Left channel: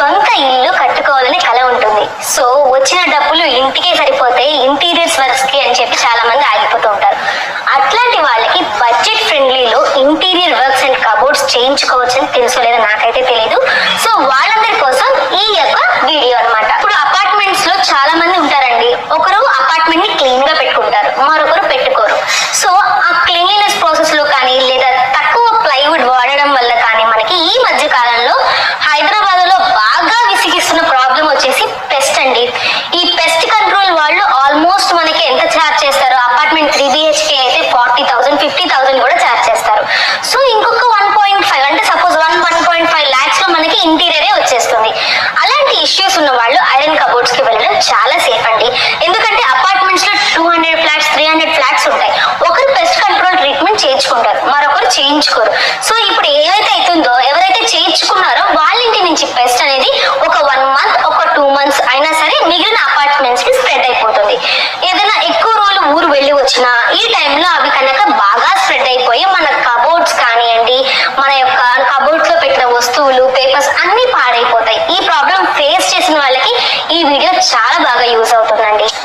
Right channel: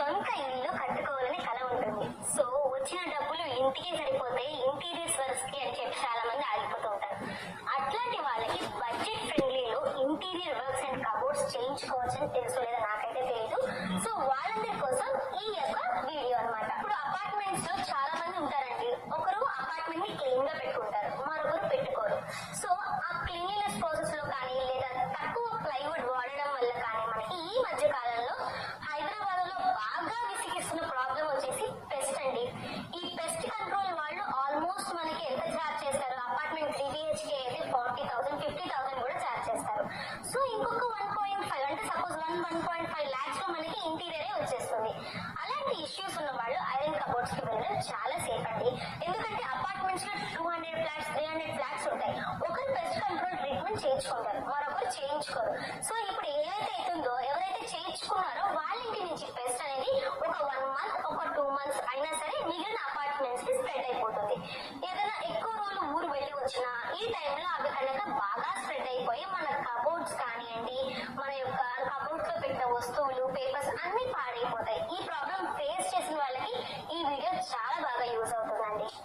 సొంత ఇల్లు కట్టుకోవాలని కల ఉంటుంది. సో వచ్చిన డబ్బులు ఇంటికే సరిపోతే ఇంటీరియర్స్ వర్క్స్ కి అని చెప్పి చాలా మంది ఆగిపోతూ ఉంటారు. అట్లాంటి వాళ్ళకి బడ్జెట్ ఫ్రెండ్లీలో ఇంటీరియర్ వర్క్స్ అండ్ కబోర్డ్స్ చేయించుకోవచ్చని తెలుసో లేదో నాకైతే తెలియదు. సో వాళ్ళందరి కోసం ఈ యొక్క వీడియో అన్నమాట. ఇప్పుడు అపార్ట్మెంట్స్ లో చాలా మంది ఉంటారండి. ఒకరు అపార్ట్మెంట్ ని క్లీన్ గా పెట్టుకుంటారు, మరొకరు పెట్టుకోరు. సో ఆ క్లీన్లీనెస్ ప్రాసెస్ లో కానీ లేదా తక్కువ ప్లైవుడ్ వాడడం వల్ల కానీ మనకి ఈ మధ్య కాలంలో హైదరాబాద్ లో బాగా విసిగిస్తున్న ప్రాబ్లం వచ్చేసి పెస్ట్ అండి. ఈ పెస్ట్ కంట్రోల్ వాళ్ళు ఆల్మోస్ట్ మనకి ఎంత ఛార్జ్ చేస్తారు? అపార్ట్మెంట్ 3 BHK అయితే 40,000 50,000 కూడా ఛార్జ్ చేస్తారు. సో ఇంకొక 1.5 అంటే సపోజ్ 1.5 lakhs లో మనకి ఇంటీరియరే వచ్చేస్తుంది. అలాంటి ఇష్యూస్ ఉన్న వాళ్ళు ఐరన్ కబోర్డ్స్ కి వెళ్ళడం చాలా సేఫ్ అండి. ఎందుకంటే అపార్ట్మెంట్స్ లో 200 ఫ్లాట్స్ 300 ఫ్లాట్స్ ఉంటాయి. ఒకరు పెస్ట్ కంట్రోల్ ట్రీట్మెంట్ చేయించుకుంటారు, మరొకరు చేయించుకోరు. సో ఇప్పుడు ఏవైతే అవుతుందో ఎవరైతే చేయించుకున్నారో వాళ్ళ ఇంటి నుంచి పెస్ట్ అనేది ఒక 1 month ఒక 2 months అయినా సరే మిగిలిన అపార్ట్మెంట్స్ కి స్ప్రెడ్ అయిపోతుంది. ఏదైనా ఎక్కువ రోజులు ఊరు వెళ్ళి వచ్చినా ఈ టైంలో అవి కనుక బాగా స్ప్రెడ్ అయిపోయి మన కబోర్డ్స్ కానివ్వండి, మన యొక్క కబోర్డ్స్ లో పెట్టిన వస్తువులు పేపర్స్ అన్ని పాడైపోతాయి. ఈ ప్రాబ్లం ఫేస్ చేసిన వాళ్ళకి ఈ వీడియో చాలా బాగా యూజ్ అవుతుందండి.